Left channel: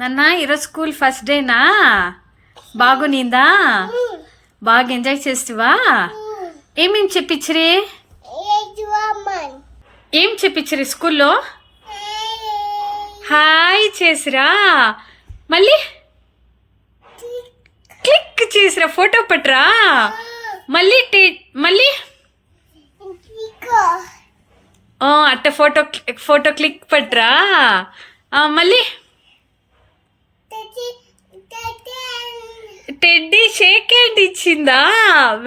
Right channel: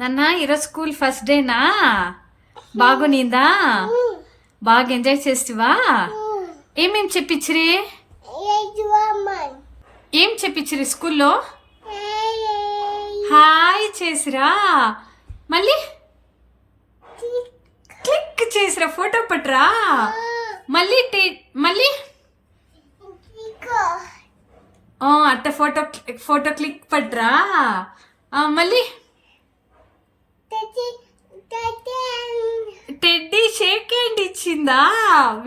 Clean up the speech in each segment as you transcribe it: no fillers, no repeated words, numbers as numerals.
నాన్న ఈరోజు school first డేనా బాగునిందా? బాగా ఎంజాయ్ చేస్తావా? ఏమేం చెప్పించిరి? ఏం చెప్పించిరి స్కూల్లో? హాయ్ చేసిరా, మళ్ళీ క్లిక్ చేసిరా, ఫోటో పట్టరా, మళ్ళీ మళ్ళీ అట్ట ఫోటో క్లిక్ పట్టరా, మళ్ళీ టెడ్డీ షేక్ హ్యాండ్ ఇచ్చిందా?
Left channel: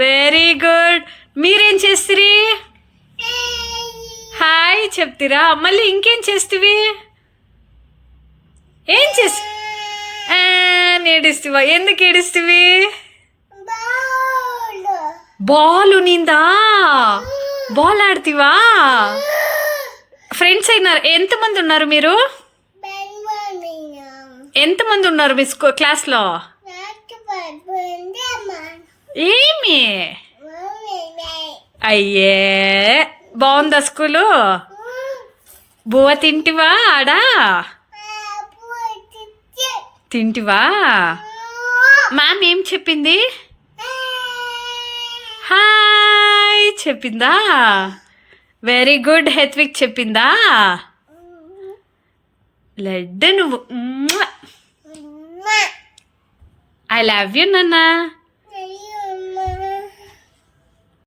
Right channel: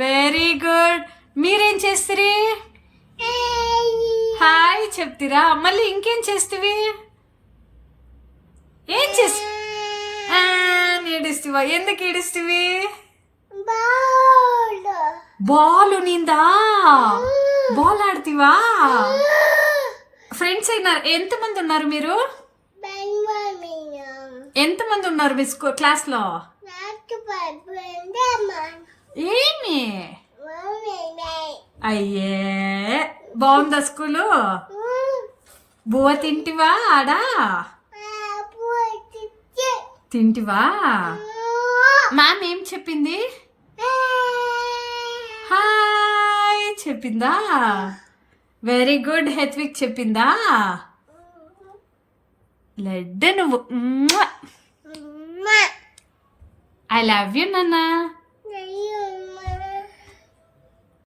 Very good. మీరేం చేస్తురి? హాయ్ చెప్తిరా, మళ్ళీ ఇంకేం చేస్తువి? ఏం చేసి ఏడుస్తువా? ఎందుకు ఏడుస్తువి? బాల్ నిందా? బాల్ ఆడుతీవా? ఫ్రెండ్స్ అయినారు? ఎంతమంది ఉన్నారు మీరు? ఎంతమంది ఉన్నారు మీ క్లాస్లో? ఏమి? అయ్యే, బాగుందా స్కూలు? బువ్వ తింటివా? ఆడా తింటివా? మ్యామ్ ఏం చెప్పింది? హాయ్ చెప్పిందా? Very good. హెత్విక్ చెప్పిందా? లడ్డు నువ్వు. ఐ లవ్ యూ నాన్న.